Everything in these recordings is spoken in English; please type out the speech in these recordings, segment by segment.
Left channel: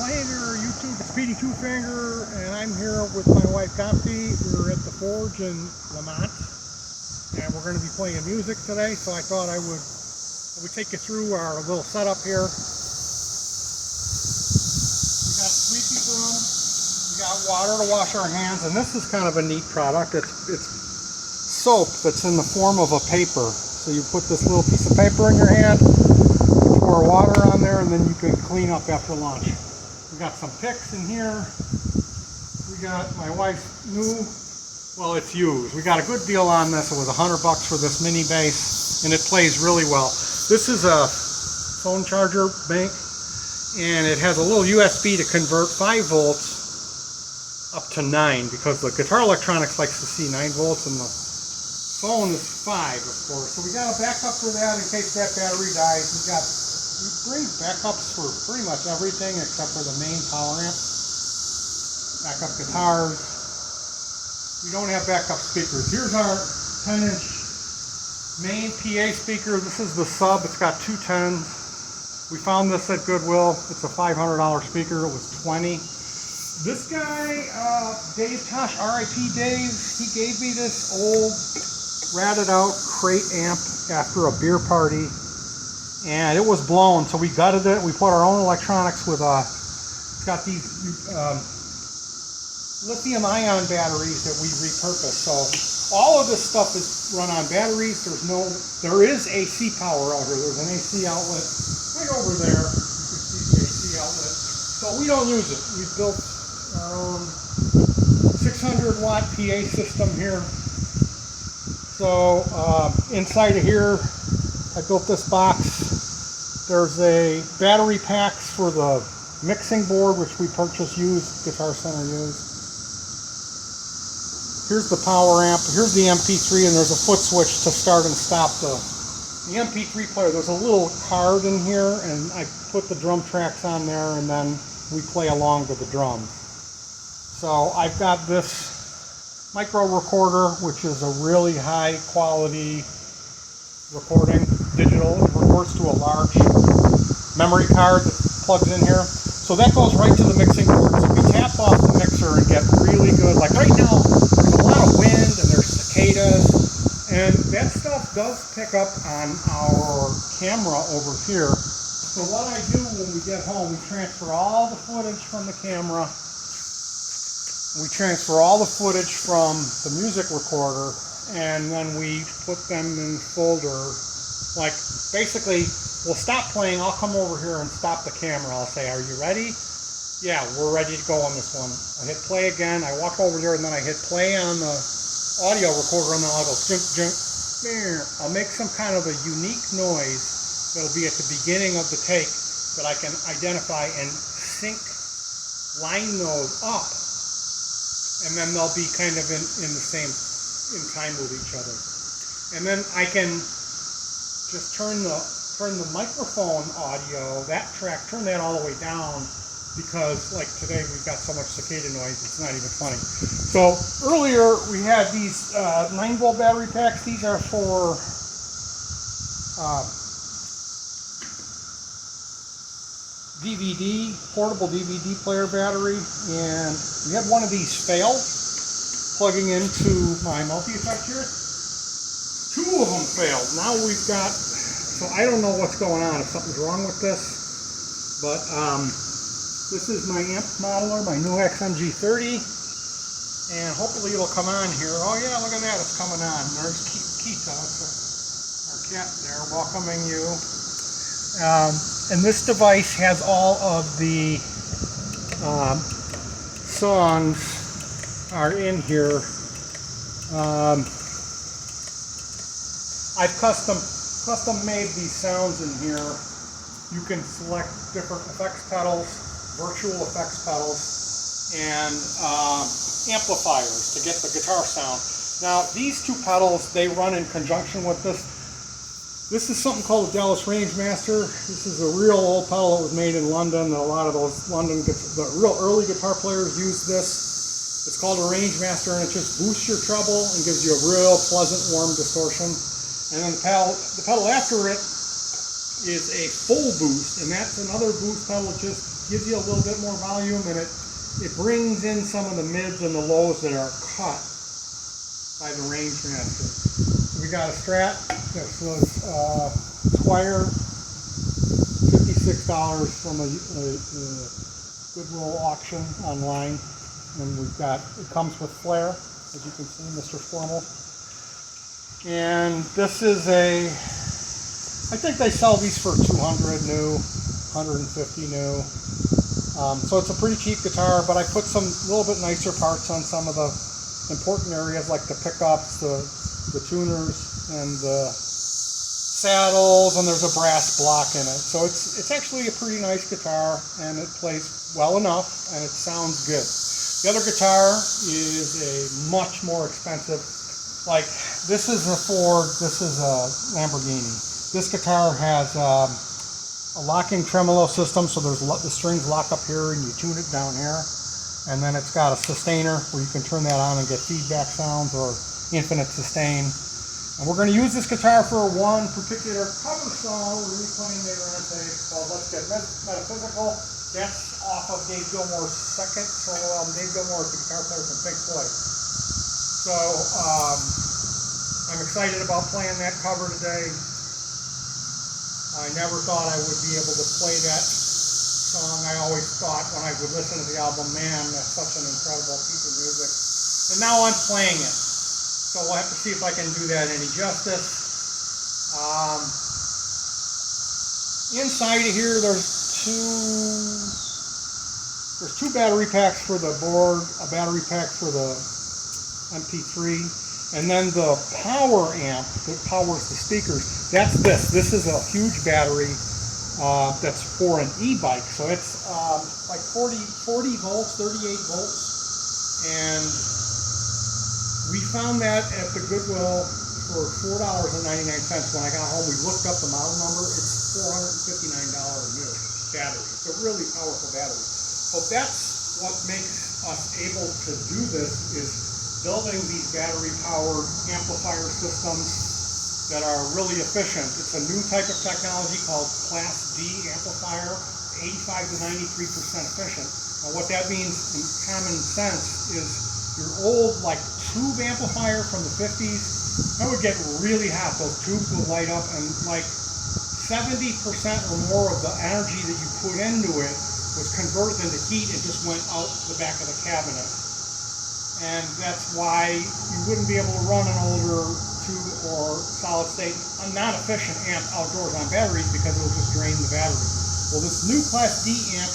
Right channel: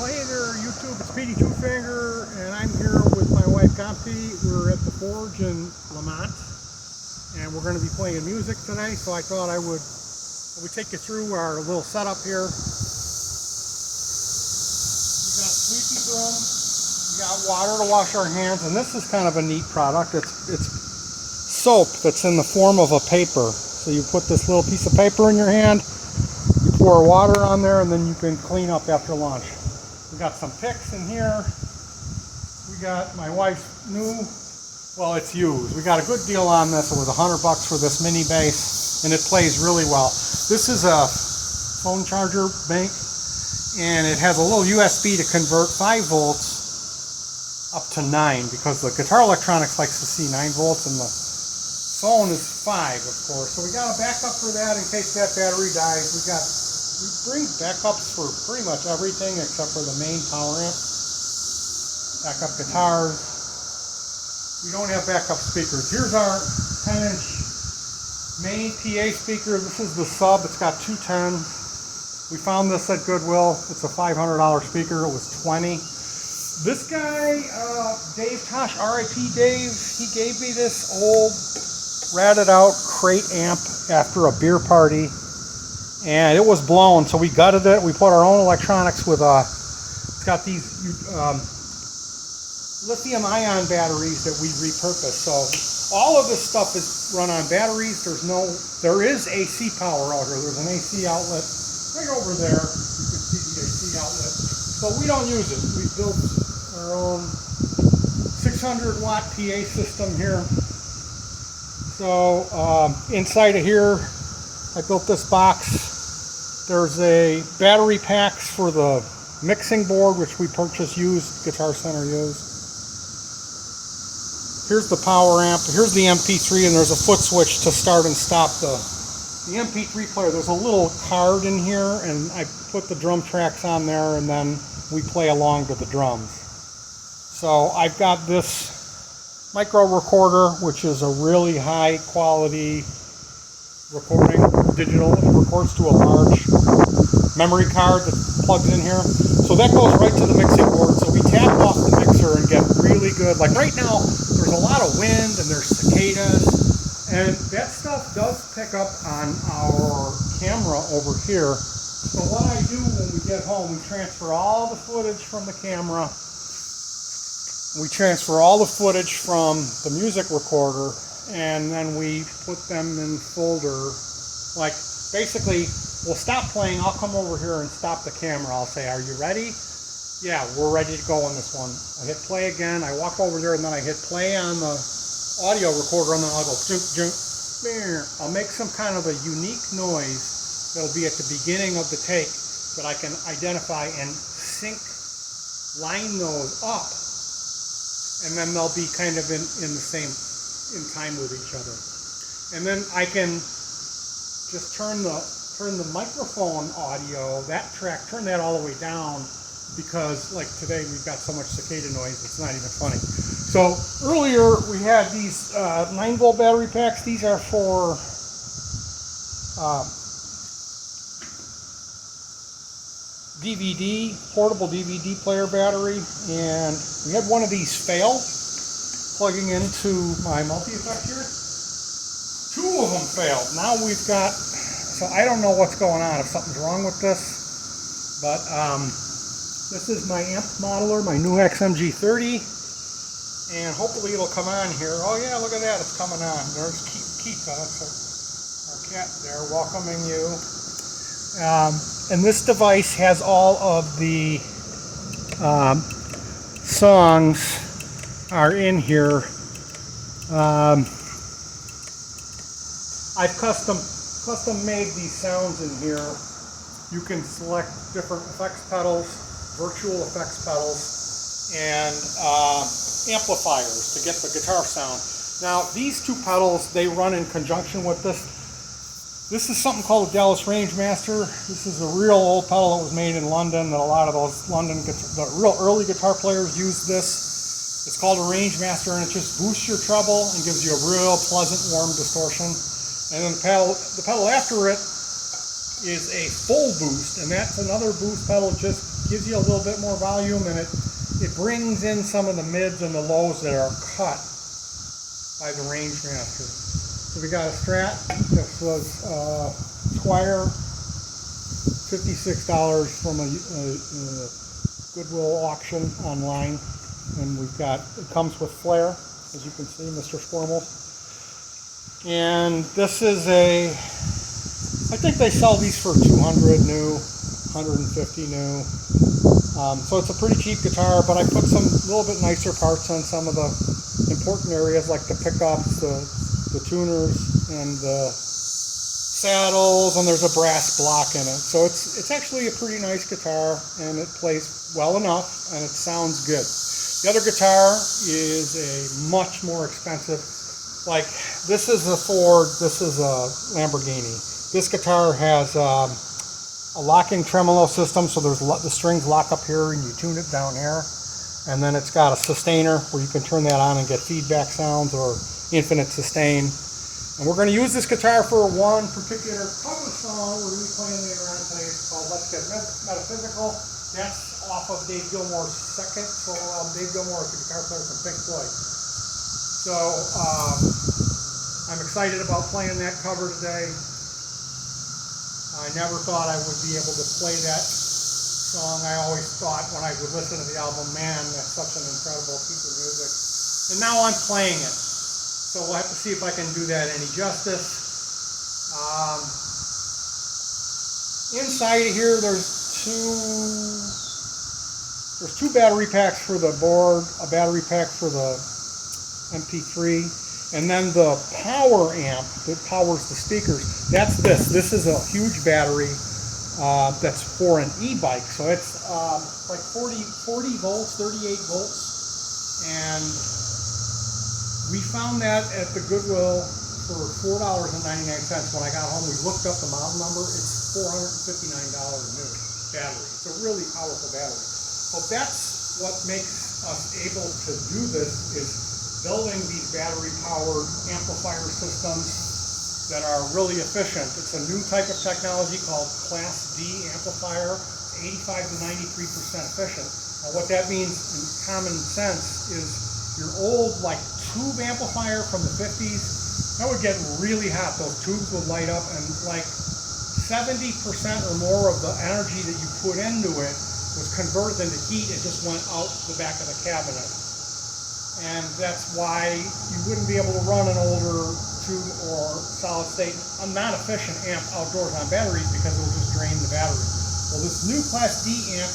Hey there, YouTube. It's Petey Two-Finger, and I'm here with my wife, Gopsy. We're at the Forge in Lamont, and we're going to be playing music today. So I thought I would take you through our little setup here. We got squeaky drum. We got water to wash our hands, and this is kind of a neat product. It's soap that's in the form of a paper. So you put this little piece of paper in your hand, you pour water on there, and then you can clean up after lunch. We got some picks in here. We got my wife's new, well, it's used. We got a good deal on this. It was $100 for this mini bass, and it plays really well. This is a phone charger bank, and it has a little USB to convert 5 volts up to 9, because the guitar electronics likes to see 9 volts, and the phone is 5, of course. So we got a backup for that in case that battery dies. We bring backups for pretty much everything except for the main power amp. Backup guitars. We don't have backup speakers. Here's our 10-inch main PA speaker. This is the sub. It's got 2 10s. We found this at Goodwill. It's a $500 speaker. It was $20. This guy, Dave Tosh, R.I.P. Dave, he gave me this old ratted out crate amp after a beer party. And it was blown, so we gutted it. We put our own electronics with it's got these lithium-ion batteries that we repurpose. So all of this stuff is run on batteries. There is AC power out here. There's an AC outlet right over there. You can see the AC outlet. So we don't use it. We built our own 600-watt PA system here. So inside of here, I built this box. There's a battery packs for the mixing board, which we purchased used, Guitar Center used. Here's the power amp. Here's the MP3, and there's a foot switch to start and stop the MP3 player. There's a little card in here, and I put the drum tracks on there, and then we play along to the drums. So I've got this micro recorder, which is a really high quality recording, digital. It records to a large memory card that plugs in here. So that goes right to the mixing board. So we tap off the mixer and get really good. Like right now, there's a lot of wind and there's cicadas. And that stuff does pick up on our camera over here. So what I do when we get home, we transfer all the footage from the camera. We transfer all the footage from the music recorder, and then we put them in the folder. Like, basically, we'll stop playing, I'll come over here and stop the camera. I'll say, are you ready? Yeah, we're ready to go on this one. I hit play again, I walk over there, and then I hit play on the audio recorder, and then I'll go, junk, junk, I'll make some kind of a unique noise that'll be at the beginning of the take that I can identify and line those up. And then they'll be kind of in time with each other. And then I can just turn the microphone audio, that track, turn that all the way down, because like today we've got so much cicada noise, it's not even funny. So earlier we had these 9-volt battery packs. These are for DVD, portable DVD player battery, and we had one of these fail plugging into my multi-effect here. 2 of them failed. Now we've got, so I don't know what's going on, if something's wrong with this, but this is my amp modeler, my new XMG30, and hopefully it'll come on here. Oh yeah, look at that, it's coming on. There's Kika, our cat there, welcoming you. And this device has all of the songs are in here. I've custom made these sounds in here. You can select different effects pedals, virtual effects pedals, and amplifiers to get the guitar sound. Now these 2 pedals, they run in conjunction with this. This is something called a Dallas Rangemaster. This is a real old pedal that was made in London. A lot of those the real early guitar players used this. It's called a Rangemaster, and it just boosts your treble and gives you a real pleasant, warm distortion. And then the pedal after it is a full boost, and that's another boost pedal, just gives you a little bit more volume, and it brings in some of the mids and the lows that are cut by the Rangemaster. So we got a Strat that was Squire, $56 from a Goodwill auction online, and it comes with flare, as you can see, Mr. Formal. And this is I think they sell these for $200 new, $150 new. So it's a pretty cheap guitar, but I put some little bit nicer parts on some of the important areas, like the pickups, the tuners, and the saddles, and there's a brass block in it. So it's actually a pretty nice guitar, and it plays well enough, and it sounds good. The other guitar is a much more expensive, like this is a Ford, this is a Lamborghini. This guitar has a locking tremolo system, so the strings lock up here and you tune it down here. And then it's got a sustainer where you can turn that on and get feedback sounds or infinite sustain. And we're going to use this guitar for one particular cover song we're replaying later on today. It's called Let's Get Metaphysical. That's off of Dave Gilmour's second solo album. Dave Gilmour is the guitar player from Pink Floyd. So I'm excited about playing that cover today. I never thought I would be able to play that song. I always thought when I would listen to the album, man, that's such an incredible piece of music. And now I'm playing it. So we'll have to see if I can do that any justice. Inside of here, there's two battery packs for the board, a battery pack for the MP3, and then the power amp that powers the speakers. That's this. This is a huge battery that's for an e-bike. So it's like 40 volts, 38 volts. And we found that at the Goodwill for $4.99. When I got home, we looked up the model number. It's $459 new battery. It's a really powerful battery. So that's what makes us able to do this, is building these battery-powered amplifier systems that are really efficient. It's a new type of technology called Class D amplifier. It's 85 to 93% efficient. Now what that means in common sense is your old like tube amplifier from the 50s, that would get really hot. Those tubes would light up, and like 70% or more of the energy that you put into it was converted into heat and just went out the back of the cabinet. And that's why you wouldn't be able to run an older tube or solid state, a non-efficient amp outdoors on batteries, because it will just drain the battery. Well, this new Class D amp,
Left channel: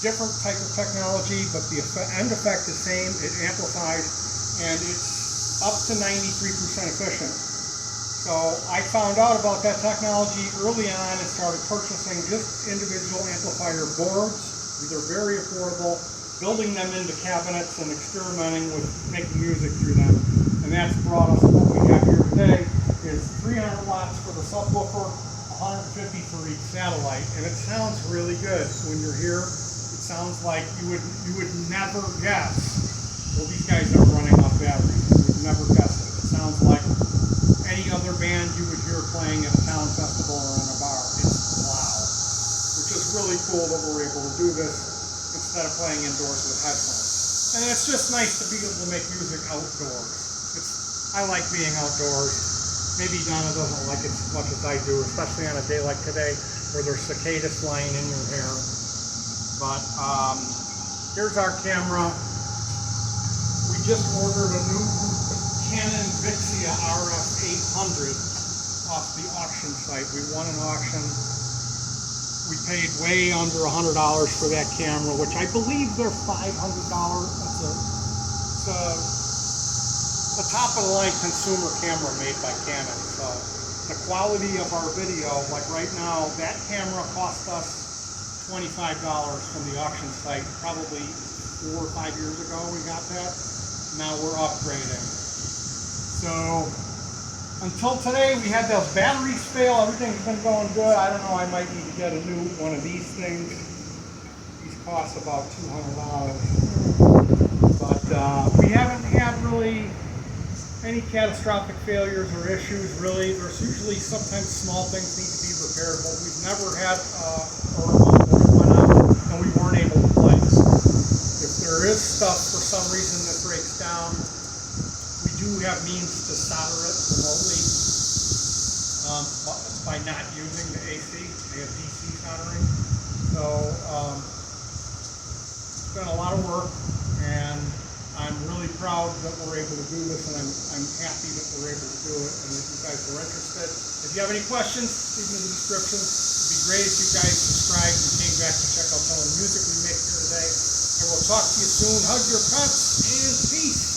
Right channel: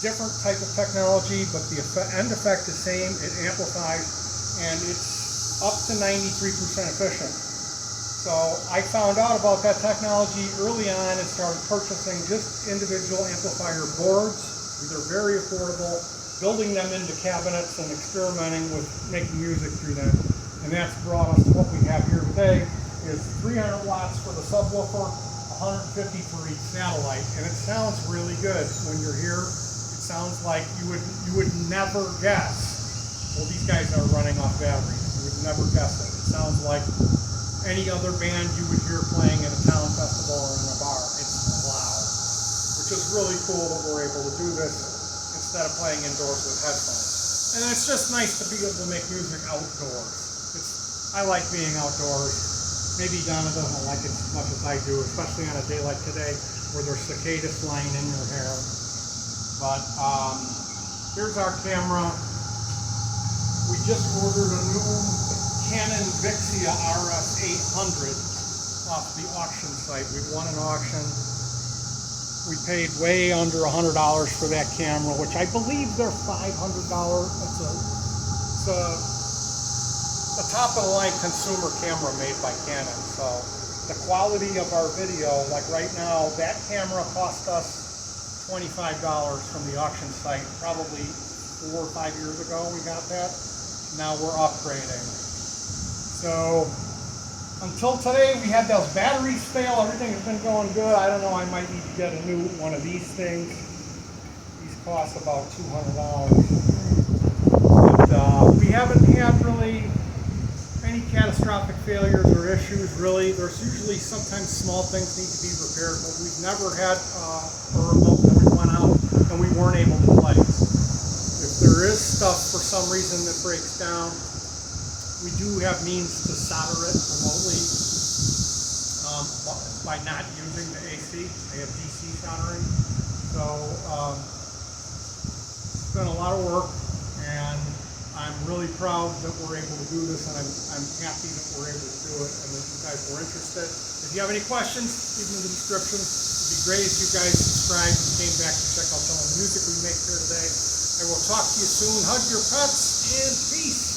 different type of technology, but the end effect is same. It amplifies, and it's up to 93% efficient. So I found out about that technology early on and started purchasing just individual amplifier boards. They're very affordable. Building them into cabinets and experimenting with making music through them. And that's brought us to what we have here today, is 300 watts for the subwoofer, 150 for each satellite. And it sounds really good when you're here. It sounds like you would never guess, well, these guys are running off batteries. You would never guess it. It sounds like any other band you would hear playing at a town festival or in a bar. It's loud, which is really cool that we're able to do this instead of playing indoors with headphones. And it's just nice to be able to make music outdoors. I like being outdoors. Maybe Donna doesn't like it as much as I do, especially on a day like today where there's cicadas flying in your hair. But here's our camera. We just ordered a new Canon Vixia RF800 off the auction site. We won an auction. We paid way under $100 for that camera, which I believe they're $500. It's a top-of-the-line consumer camera made by Canon. So the quality of our video, like right now, that camera cost us $25 from the auction site. Probably 4 or 5 years ago we got that. Now we're upgrading. So until today, we had those batteries fail. Everything's been going good. I don't know, I might need to get a new one of these things. These cost about $200. But we haven't had really any catastrophic failures or issues, really, there's usually sometimes small things need to be repaired, but we've never had a remote that went out and we weren't able to place. If there is stuff for some reason that breaks down, we do have means to solder it remotely by not using the AC. They have DC soldering. So it's been a lot of work, and I'm really proud that we're able to do this, and I'm happy that we're able to do it, and if you guys are interested. If you have any questions, leave them in the description. It'd be great if you guys subscribed and came back to check out some of the music we make here today. And we'll talk to you soon. Hug your pets, and peace.